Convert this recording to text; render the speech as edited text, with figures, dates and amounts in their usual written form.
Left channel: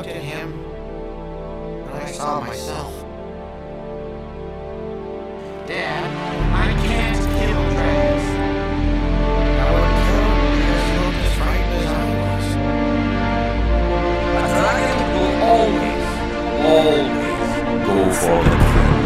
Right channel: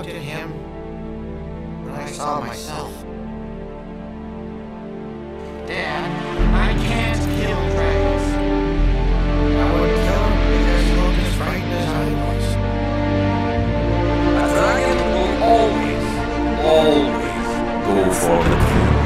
looked at him, and I saw myself. Dad, I can't kill Travis. I wouldn't kill him because he looked as frightened as I was. A dragon will always go for the kill.